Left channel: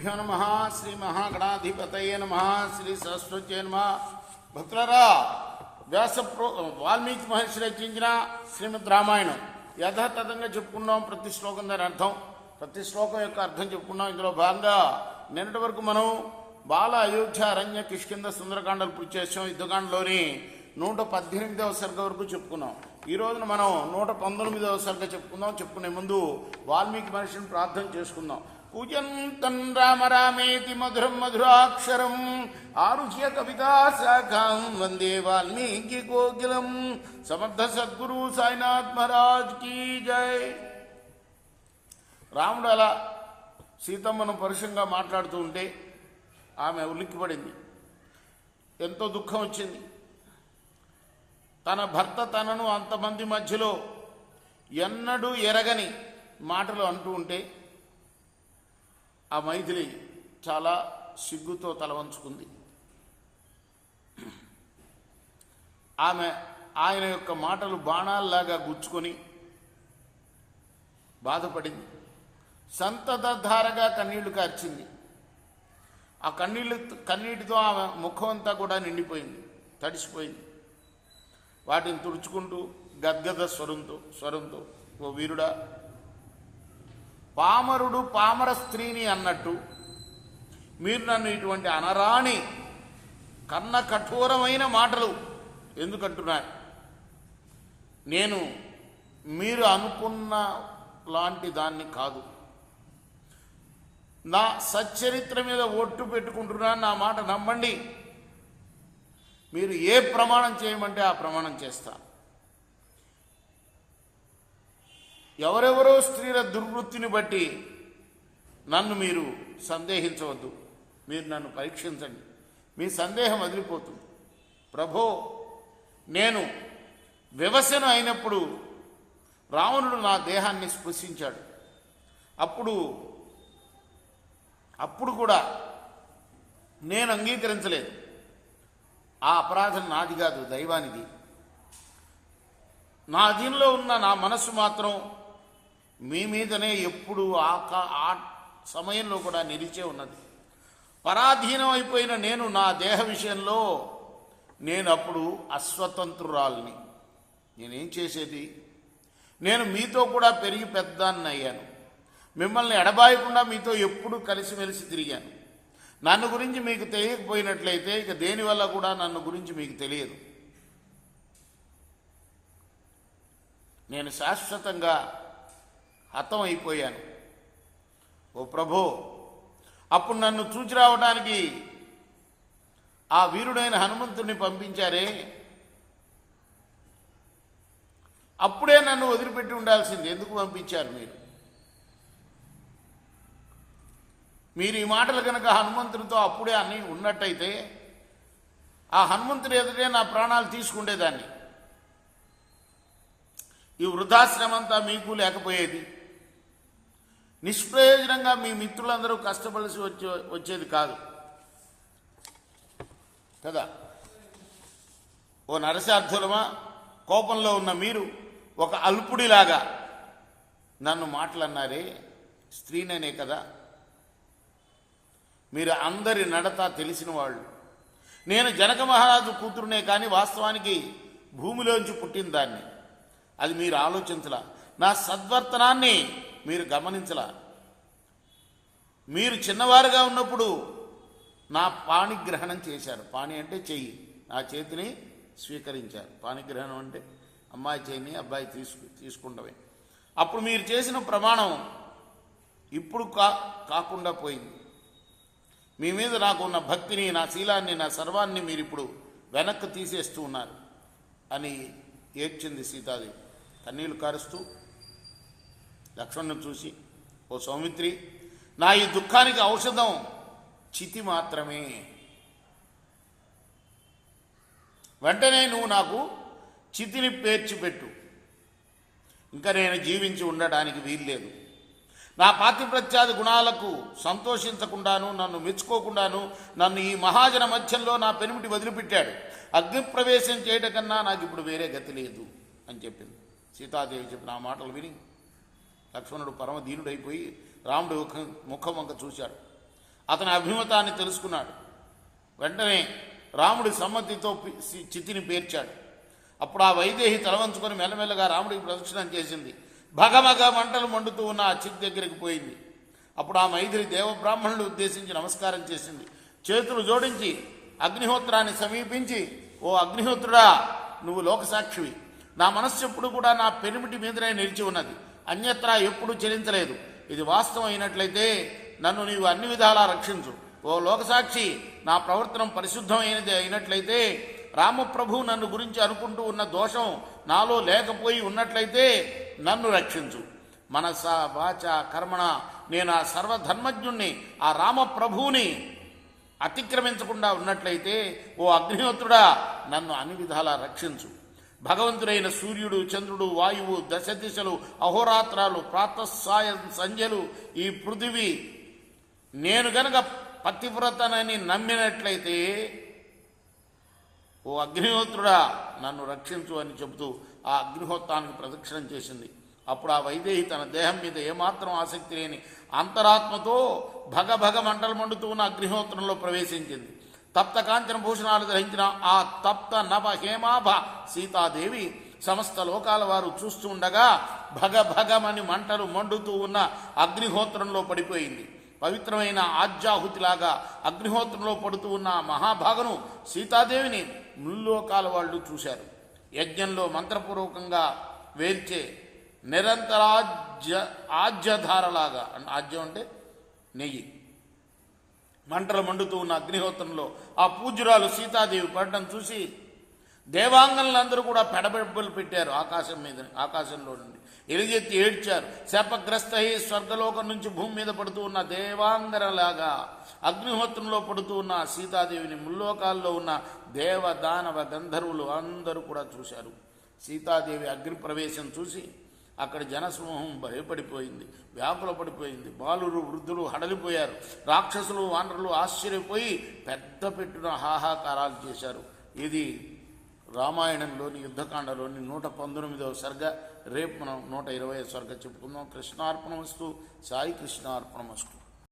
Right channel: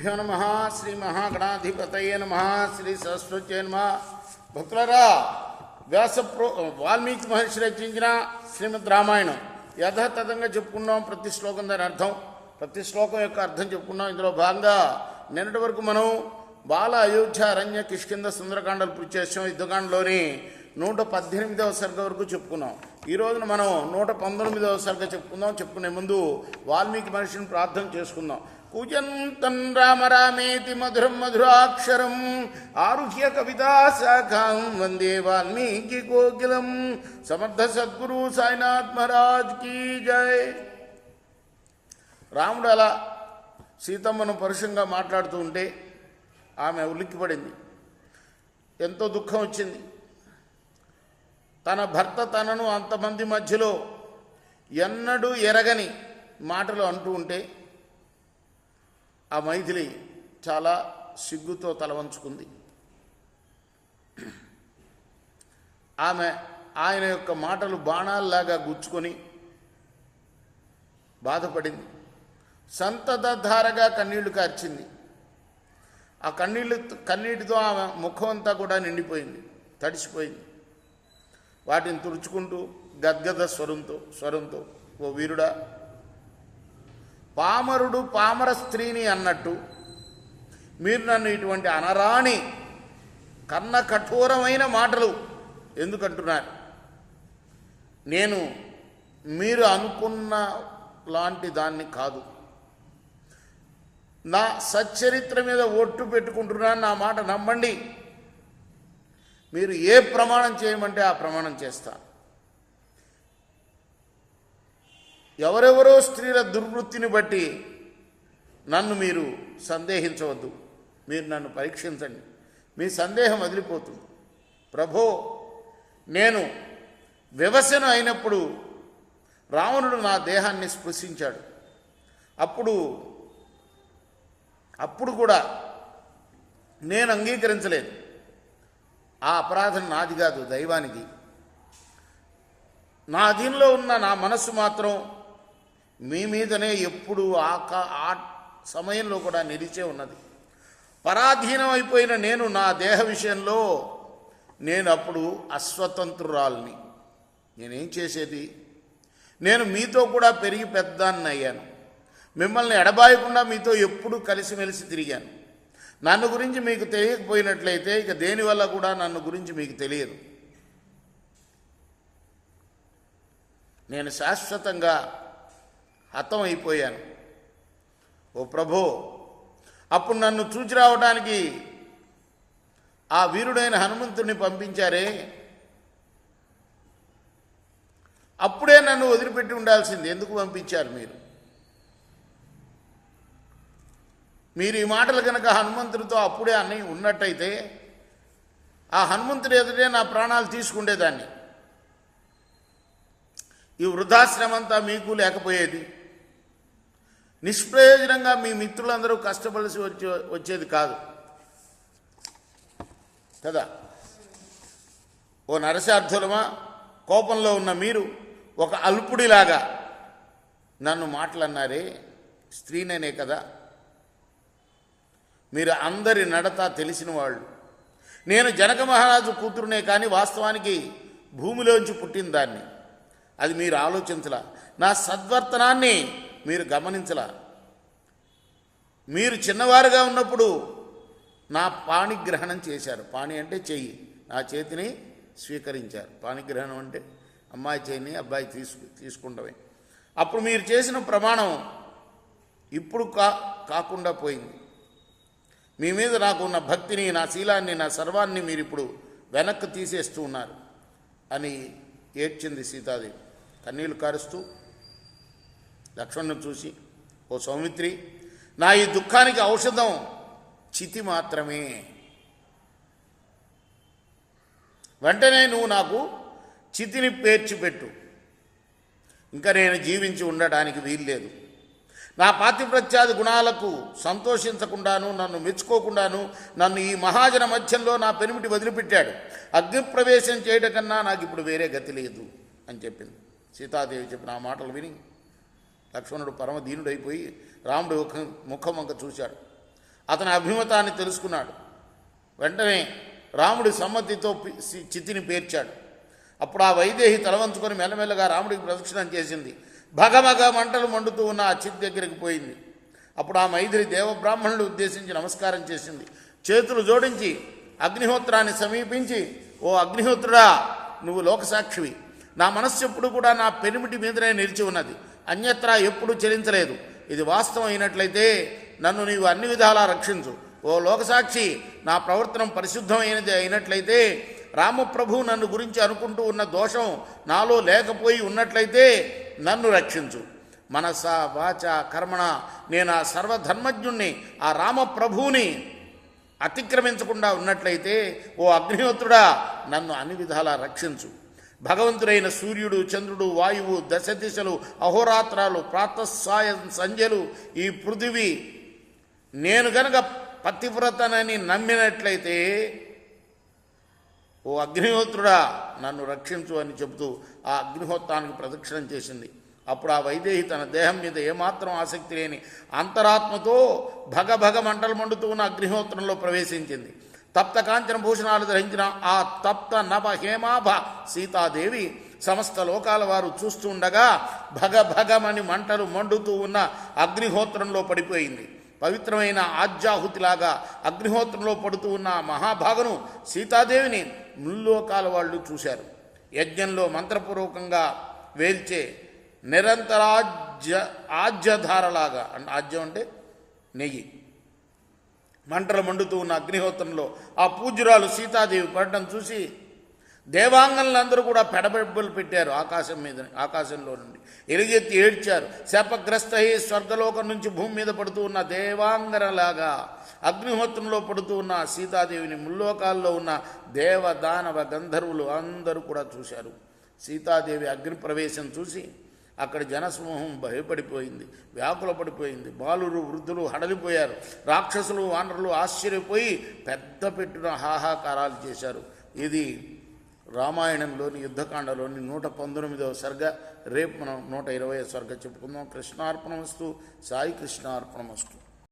గురుభ్యో నమ. శ్రీ మహాగణాధిపతయే నమ. శ్రీ సరస్వత్యే నమ. భక్తులరా, వాల్మీకి మహర్షి రచించిన శ్రీమద్ రామాయణం యథాతథంగా చెప్పుకున్నాం. ప్రతి శ్లోకం దాని అర్థం, ప్రతి శ్లోకం యొక్క అర్థం చెప్పుకున్నాం. ఇందులో భాగంగా నిన్నటి వరకు మనం బాల, అయోధ్య, అరణ్య, కిష్కింద, సుందరకాండలు పూర్తి చేసాం. యుద్ధకాండలోని 118వ సర్గ వరకు చెప్పుకున్నాం. ఈ రోజున మనం 119వ సర్గ చెప్పుకునే ముందు వాల్మీకి మహర్షిని ప్రార్థన చేసుకుందాం. కూజంతం రామ రామేతి మధురం మధురాక్షరం ఆరుహ్య కవితా శాఖాం వందే వాల్మీకి కోకిలం. సమర్థ సద్గురు సాయినాథ్ మహారాజ్ కీ జై. రాముడు అలా సీతమ్మను పరుషంగా మాట్లాడుతూ ఉంటే ఆమె ఉలిక్కిపడింది. ఎంతో దుఃఖం వచ్చింది. తన భర్త తనను అంతమంది మధ్యలో ఎన్నడూ ఎరగని మాటలు అంటూ ఉంటే ఆ మైథిలి చాలా సిగ్గుతో తలవంచుకుంది. ఆయన యొక్క మాటలు బాణాల్లాగా గుచ్చుకొని బాధపడింది. ధారగా కన్నీళ్లు కార్చింది. ఆ కన్నీటితో ఆమె ముఖం అంతా కూడా నిండిపోయింది, తడిసిపోయింది. వాటిని తుడుచుకుంటూ గద్గద స్వరంతో ఓ వీరుడా, పామరుడు పామర స్త్రీని అన్నట్టు మీరు నన్ను ఇటువంటి అనరాని కన్న కఠోరమైన మాటలు ఎందుకంటున్నారు? నేను మీరు అనుకున్న లాంటి దాన్ని కాదు. నా సచ్చరిత్ర మీద ఒట్టు పెట్టుకుంటున్నాను. నా మాట నమ్మండి. మీరు ఏ ప్రమాణం చేయమంటే ఆ ప్రమాణం చేస్తా. ఎవరెవరో స్త్రీల దుర్వృత్తిని బట్టి నన్ను మీరు సందేహించవద్దు. మీరు నన్ను పరీక్షించండి, మీ సందేహం వదిలిపోతుంది. ప్రభో, నేను వివశను అయినప్పుడు రావణుడు నా దేహాన్ని స్పృశించాడు. అప్పుడు కూడా నేను అంగీకరించలేదు. ఆ అపరాధం నాది కాదు, దైవానికి. నా దీనిలో ఉన్న నా మనస్సు మాత్రం మీ మీదనే ఎప్పుడు ఆ సమయంలో కూడా నిలిచే ఉన్నది. పరాధీనం అయిపోయిన నేను నా దేహ విషయంలో నేను అప్పుడు అస్వతంత్రురాల్ని. నేనేం చేసేది? నేను మీతో కూడా పెరిగి పెద్దాన్ని అయ్యాను. మిమ్మల్ని ఎడబాయకుండా మీతో ఎప్పుడూ కలిసిమెలిసి తిరిగాను. నన్ను గురించి మీకు తెలియకపోయినట్లయితే ఇక దేనివల్ల కూడా నన్ను గురించి మీకు తెలియదు. నేను శాశ్వతంగా హతం అయిపోయాను. ఓ ప్రభో, అప్పుడు నన్ను చూచి రావడానికి ఆ వీరుడైన హనుమంతుడిని పంపించారే, అప్పుడే నన్ను వదిలిపెట్టి ఉండాల్సింది. ఎందుకు పంపించారు మీరు ఈ మాటలు కనుక హనుమంతుడితో అప్పుడే అని ఉన్నట్టయితే ఆ హనుమంతుడి ఎదుటే నా ప్రాణాలు తీసుకుండేదాన్ని. ఈ వృద్ధాశ్రమంతా మీకు లేకపోయేది. నిష్ప్రయోజనంగా మీ మిత్రులందరూ కష్టపడిసి వచ్చేది కాదు కదా. ఓ నరసార్థులమా, కోపంలో ఉన్న మీరు ఒక అల్పుడిలాగా నన్ను మాటలన్నారే, స్త్రీనేనే కదా. మీరు అందరి నడత తెలిసిన వాళ్ళు. నేను జనక మహారాజు కూతురునే కానీ వాస్తవానికి భూమిలోంచి పుట్టిన దాన్ని. అది మీరు ఆలోచించలా. నా సద్వర్తనాన్ని మీరు గమనించలా. మీరు చిన్నవారుగా ఉన్నప్పుడు నా పాణిగ్రహణం చేశారు. పాణి అంటే చెయ్యి, నా చేతిని స్వీకరించారు. పాణిగ్రహణం అంటే అమ్మాయి చేయిని అబ్బాయి తీసుకుంటవే. అప్పుడు మీరు చేసిన ప్రమాణం ఇప్పుడు కాకుండా పోయింది. మీ మీద నాకున్న భక్తిని, నా శీలాన్ని, నా సర్వాన్ని మీరు ఇప్పుడు వెనక్కి తీసేస్తూ ఉన్నారు అని ఏడ్చింది సీతాదేవి. కన్నీళ్లు కారుస్తూ లక్ష్మణుని చూసి, ఓ సౌమిత్రి, నా ఈ దుఃఖానికి ఔషధం చితి మాత్రమే. వెంటనే నువ్వు నాకు చితిని పేర్చిపెట్టు. ఇంకా నేను జీవించి ఉండడానికి వీల్లేదు. నా పాతివ్రత్యాది గుణాలకు సంతోషించకుండాను, నన్ను మెచ్చుకోకుండాను నన్ను ఈ మహాజన మధ్యంలో నా పెనిమిటి వదిలిపెట్టాడు. అగ్నిప్రవేశం చేయడం కన్నా నాకు ఇప్పుడు వేరే గతి లేదు అని చెప్పింది. సీతాదేవి చెప్పిన ఆ మాటలు విని లక్ష్మణుడు పరమ దీనుడైపోయి రాముడు ముఖం వంక చూశాడు. అతని అభిమతాన్ని తెలుసుకున్నాడు. వెంటనే రాముడి సమ్మతితో చితిని పేర్చాడు. అప్పుడు ఆ వైదేహి తలవంచుకొని మెల్లమెల్లగా రాముడికి ప్రదక్షిణం చేసింది. భగభగ మంటలు మండుతూ ఉన్న ఆ చితి దగ్గరికి పోయింది. అప్పుడు ఆ మైథిలి దేవబ్రాహ్మణులు ఉద్దేశించి నమస్కారం చేసింది. చేతులు జోడించి అగ్నిహోత్రాన్ని సమీపించి, ఓ అగ్నిహోత్రుడా, నువ్వు లోకసాక్షివి. నా మనస్సు ఎప్పుడు కూడా నా పెనిమిటి మీదనే నిలిచి ఉన్నది, అన్యత్రా ఎప్పుడూ చెలించలేదు. ఇది వాస్తవం అయినట్లయితే నన్ను నీవు అన్ని విధాలా రక్షించు. ఓ లోకసాక్షి, నా ప్రవర్తనం పరిశుద్ధమైనది అయినట్లయితే, రామప్రభు నన్ను గురించి అనుకుంటూ ఉన్న దోషం నాలో లేకపోయి ఉన్నట్లయితే నన్ను రక్షించు. మనస వాచ కర్మణ నేను ఆ సర్వధర్మజ్ఞుణ్ణి, ఆ రామప్రభువుని అతిక్రమించకుండా ఉన్నట్లయితే, ఓ అగ్నిహోత్రుడా, నన్ను అన్ని విధాలా రక్షించు. భగవంతుడైన సూర్యుడు, చంద్రుడు, వాయువు, దశ దిశలు, అహోరాత్రాలు, ప్రాతస్సాయం సంధ్యలు, ఈ పృథివీ నేను గనక పతివ్రతనని నమ్మినట్లయితే, ఓ అగ్నిహోత్రుడా, నన్ను రక్షించు అని చెబుతూ ఆ అగ్నిహోత్రానికి ప్రదక్షిణం చేసింది. అప్పుడు ఆ వైదేహి తన దేహం మీద ఏమాత్రం ఆసక్తి లేని అంతరాత్మతో భగభగ మంటలు మండుతూ ఉన్న అగ్నిహోత్రంలో ప్రవేశించింది. తప్త కాంచన భూషణాలు ధరించిన ఆ తప్త నభ హేమాభ సీతాదేవి సమస్త లోకాల వారు చూస్తూ ఉండగా భగభగమని మంటలు మండుతూ ఉన్న అగ్నిహోత్రంలో పడిపోయింది. పవిత్రమైన ఆజ్యాహుతిలాగా అగ్నిహోత్రంలో పడుతూ ఉన్న మహాభాగను సీతాదేవిని ముల్లోకాల వాళ్ళు చూశారు. యజ్ఞంలో మంత్రపూర్వకంగా వేల్చే ఆజ్యధారలాగా, ఆజ్యం అంటే నెయ్యి, మంటలు మండుతూ ఉన్న అగ్నిహోత్రంలో ఆ పూజ్యురాలు సీతాదేవి పడడం చూసి దేవాంగనులందరూ కూడా పెడబెబ్బలు పెట్టారు. ఆకాశంలో నుండి ఎలుగెత్తి ఏడ్చారు. శాపగ్రస్త స్వర్గలోకం నుంచి భూమి మీద పడుతూ ఉన్న దేవాంగనలాగా అగ్నిహోత్రంలో పడుతూ ఉన్న సీతాదేవిని ముల్లోకాల్లో ఉన్న దేవ దానవ గంధర్వులు అందరూ కూడా చూశారు. సీతాదేవి అగ్ని ప్రవేశం చూసి అక్కడ జనసమూహం భయపడిపోయింది, వ్యాకుల పడిపోయింది. బాలురు వృద్ధులు హడలిపోయారు. రాక్షసులు వానరులు ఆశ్చర్యపోయి పెద్ద పెట్టున హాహాకారాలు చేశారు. ఇది రామాయణంలోని యుద్ధకాండలోని 119వ సర్గ. రేపు మనం 120వ సర్గ చెప్పుకుందాం. కృష్ణార్పణమస్తు. సాయి కృష్ణార్పణమస్తు.